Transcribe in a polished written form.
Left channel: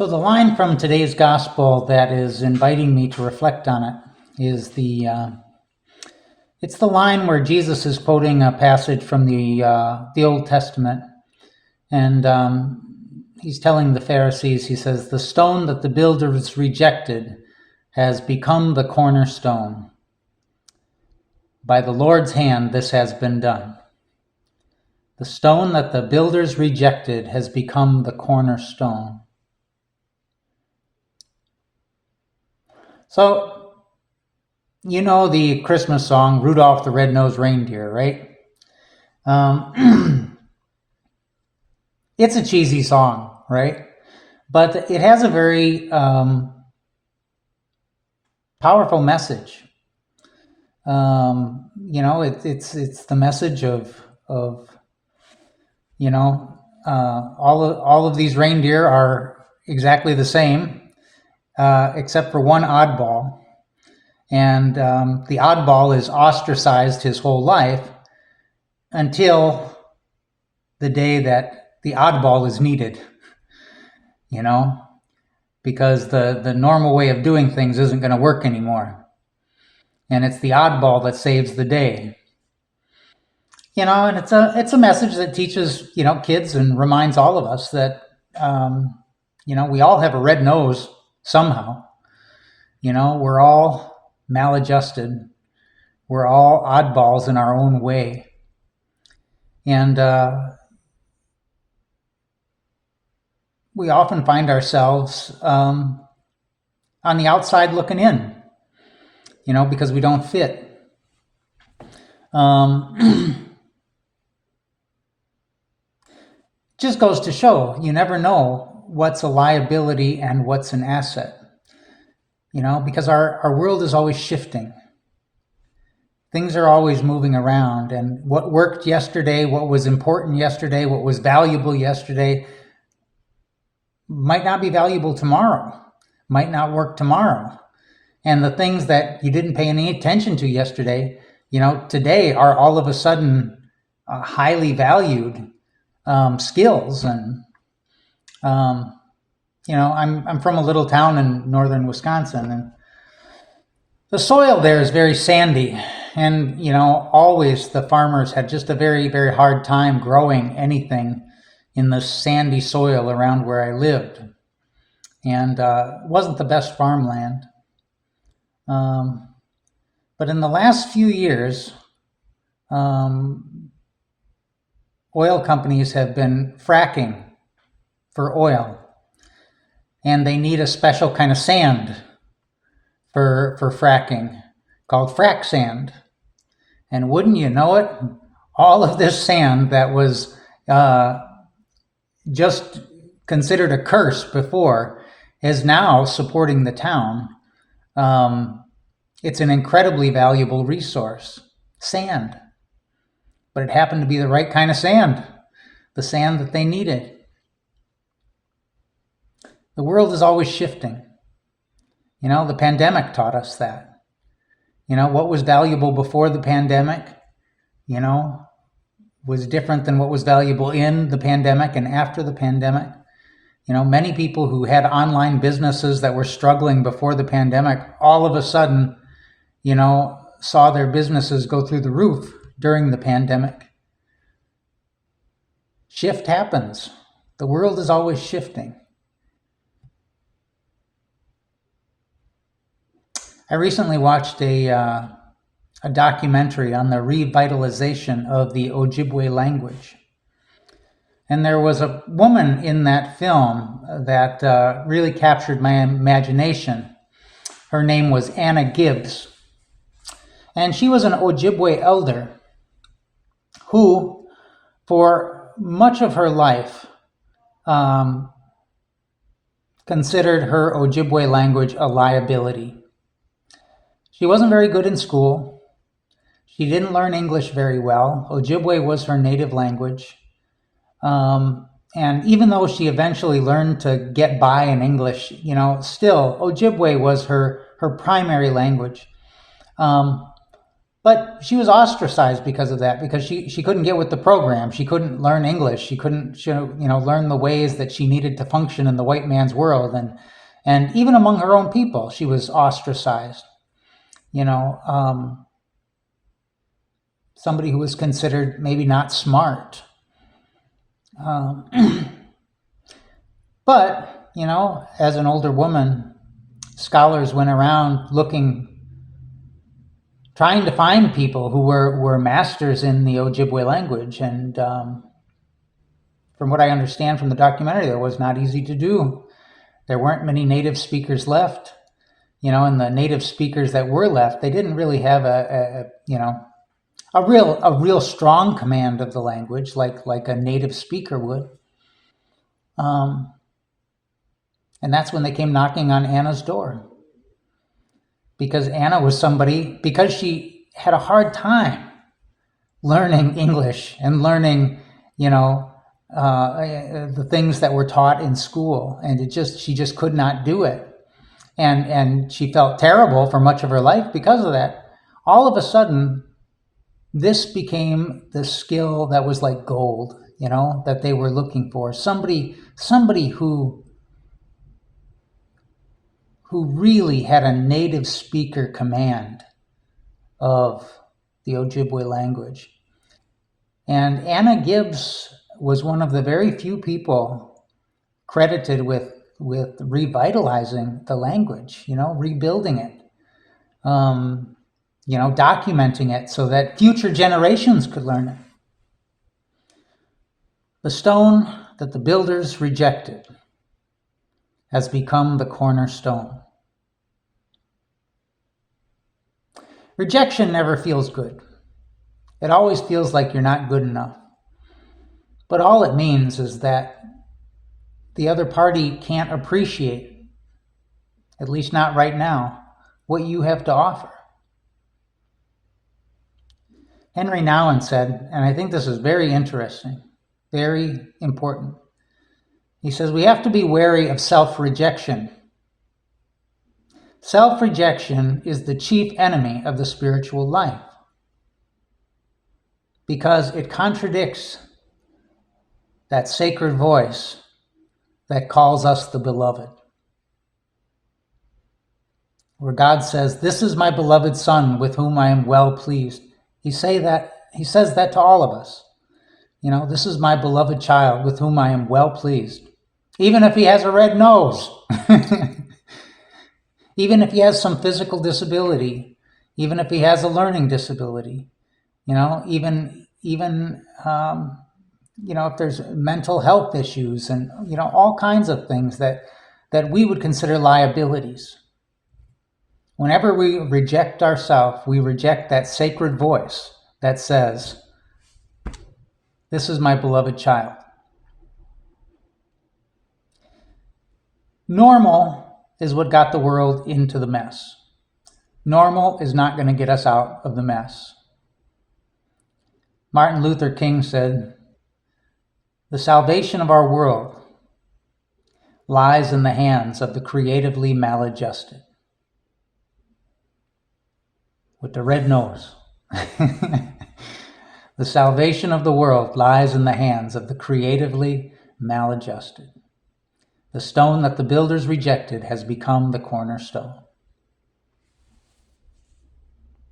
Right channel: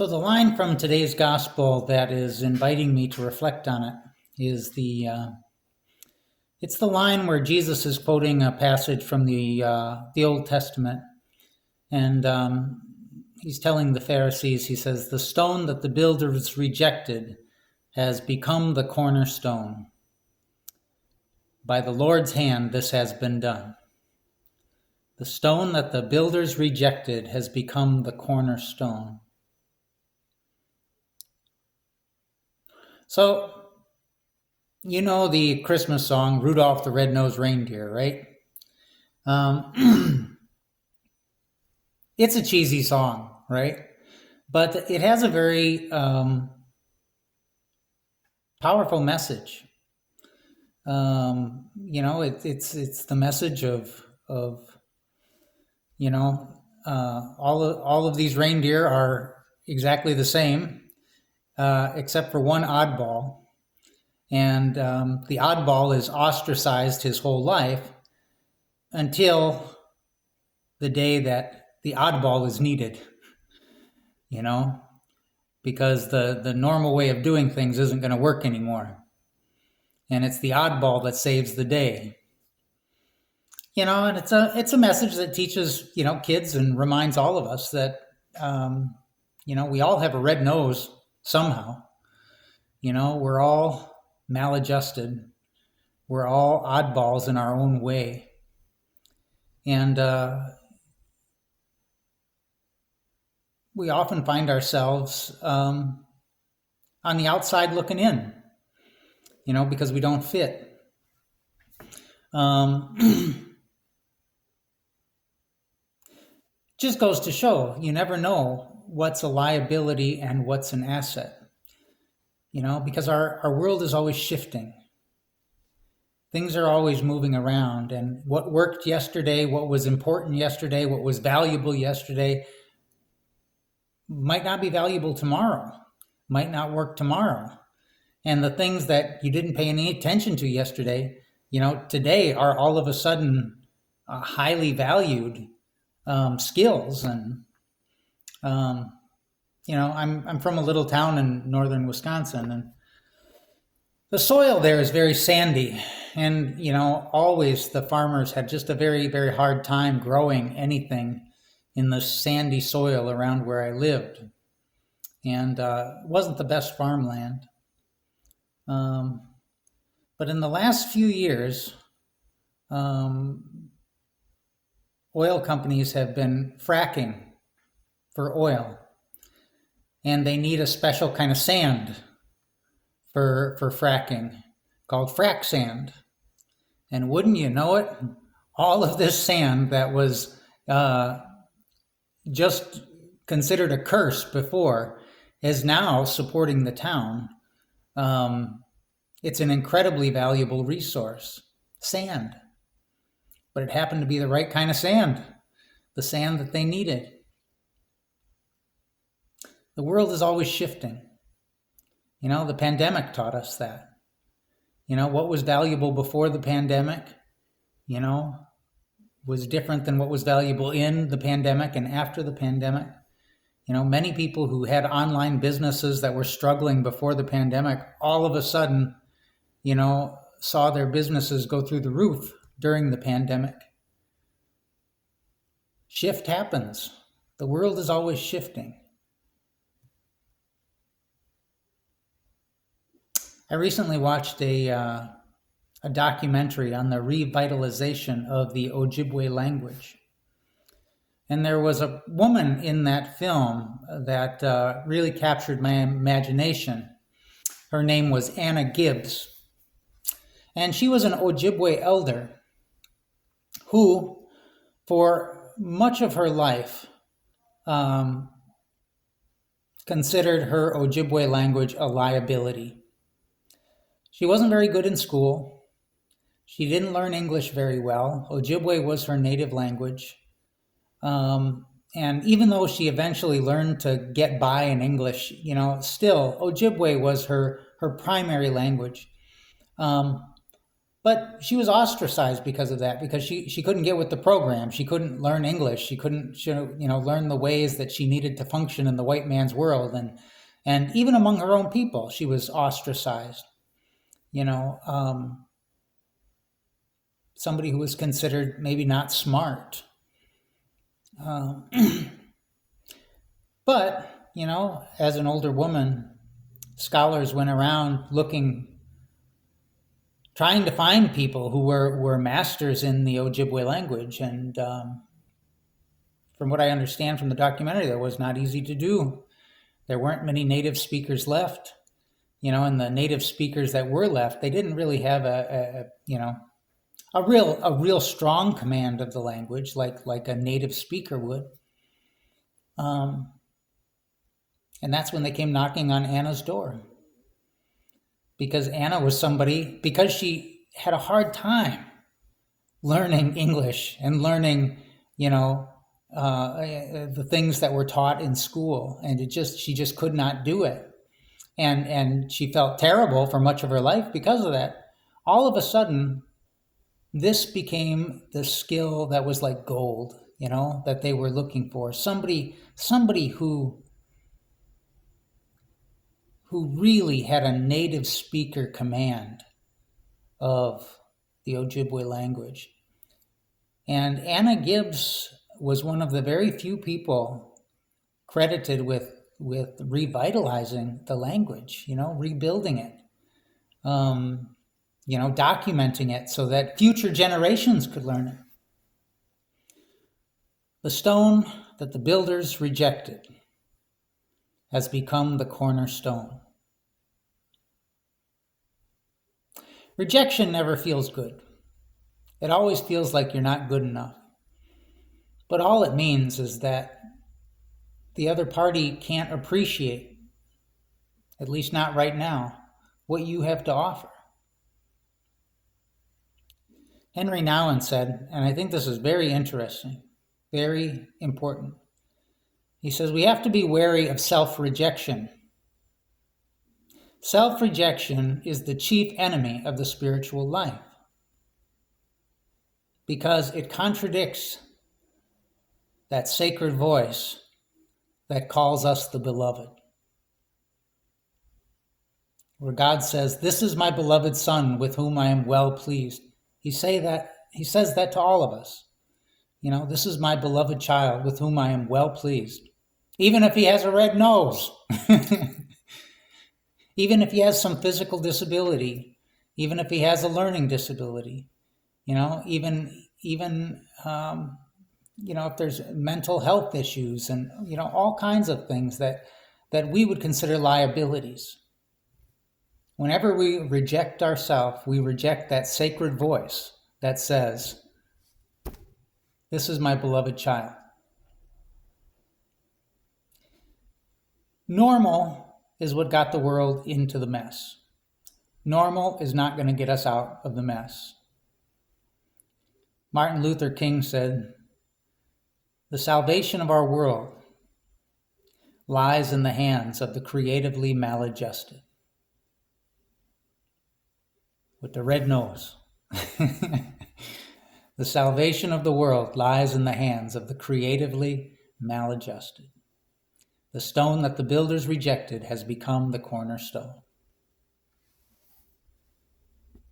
So the line from today's gospel that is inviting me to reflect on it is it's the line where Jesus is quoting a passage from the Old Testament, and he's telling the Pharisees, he says, "The stone that the builders rejected has become the cornerstone. By the Lord's hand this has been done." The stone that the builders rejected has become the cornerstone. So, you know the Christmas song, Rudolph the Red-Nosed Reindeer, right? It's a cheesy song, right? But it has a very powerful message. It's the message of all of these reindeer are exactly the same, except for one oddball. And the oddball is ostracized his whole life until the day that the oddball is needed, because the normal way of doing things isn't going to work anymore. And it's the oddball that saves the day. And it's a message that teaches, kids and reminds all of us that, we all have a red nose somehow. We're all maladjusted. We're all oddballs in our own way. And we often find ourselves on the outside looking in, because we don't fit. Just goes to show, you never know what's a liability and what's an asset, because our world is always shifting. Things are always moving around, and what worked yesterday, what was important yesterday, what was valuable yesterday might not be valuable tomorrow, might not work tomorrow. And the things that you didn't pay any attention to yesterday, today are all of a sudden highly valued skills. And, I'm from a little town in northern Wisconsin, and the soil there is very sandy. And, always the farmers had just a very, very hard time growing anything in the sandy soil around where I lived. And it wasn't the best farmland. But in the last few years, oil companies have been fracking for oil, and they need a special kind of sand for fracking called frac sand. And wouldn't you know it, all of this sand that was just considered a curse before is now supporting the town. It's an incredibly valuable resource, sand. But it happened to be the right kind of sand, the sand that they needed. The world is always shifting. The pandemic taught us that. What was valuable before the pandemic, was different than what was valuable in the pandemic and after the pandemic. Many people who had online businesses that were struggling before the pandemic, all of a sudden, saw their businesses go through the roof during the pandemic. Shift happens. The world is always shifting. I recently watched a documentary on the revitalization of the Ojibwe language. And there was a woman in that film that really captured my imagination. Her name was Anna Gibbs. And she was an Ojibwe elder who, for much of her life, considered her Ojibwe language a liability. She wasn't very good in school. She didn't learn English very well. Ojibwe was her native language. And even though she eventually learned to get by in English, still Ojibwe was her primary language. But she was ostracized because of that, because she couldn't get with the program. She couldn't learn English. She couldn't learn the ways that she needed to function in the white man's world. And even among her own people, she was ostracized. Somebody who was considered maybe not smart. But, as an older woman, scholars went around trying to find people who were masters in the Ojibwe language. And from what I understand from the documentary, that was not easy to do. There weren't many native speakers left, and the native speakers that were left, they didn't really have a real strong command of the language like a native speaker would. And that's when they came knocking on Anna's door. Because Anna was because she had a hard time learning English and learning, the things that were taught in school. And she just could not do it. And she felt terrible for much of her life because of that. All of a sudden, this became the skill that was like gold, that they were looking for. Somebody who really had a native speaker command of the Ojibwe language. And Anna Gibbs was one of the very few people credited with revitalizing the language, rebuilding it, documenting it so that future generations could learn it. The stone that the builders rejected has become the cornerstone. Rejection never feels good. It always feels like you're not good enough. But all it means is that the other party can't appreciate, at least not right now, what you have to offer. Henry Nouwen said, and I think this is very interesting, very important. He says, we have to be wary of self-rejection. Self-rejection is the chief enemy of the spiritual life because it contradicts that sacred voice that calls us the beloved. Where God says, this is my beloved Son with whom I am well pleased. He says that to all of us. This is my beloved child with whom I am well pleased. Even if he has a red nose, even if he has some physical disability, even if he has a learning disability, even if there's mental health issues and, all kinds of things that we would consider liabilities. Whenever we reject ourselves, we reject that sacred voice that says, this is my beloved child. Normal is what got the world into the mess. Normal is not going to get us out of the mess. Martin Luther King said, the salvation of our world lies in the hands of the creatively maladjusted. With the red nose. The salvation of the world lies in the hands of the creatively maladjusted. The stone that the builders rejected has become the cornerstone.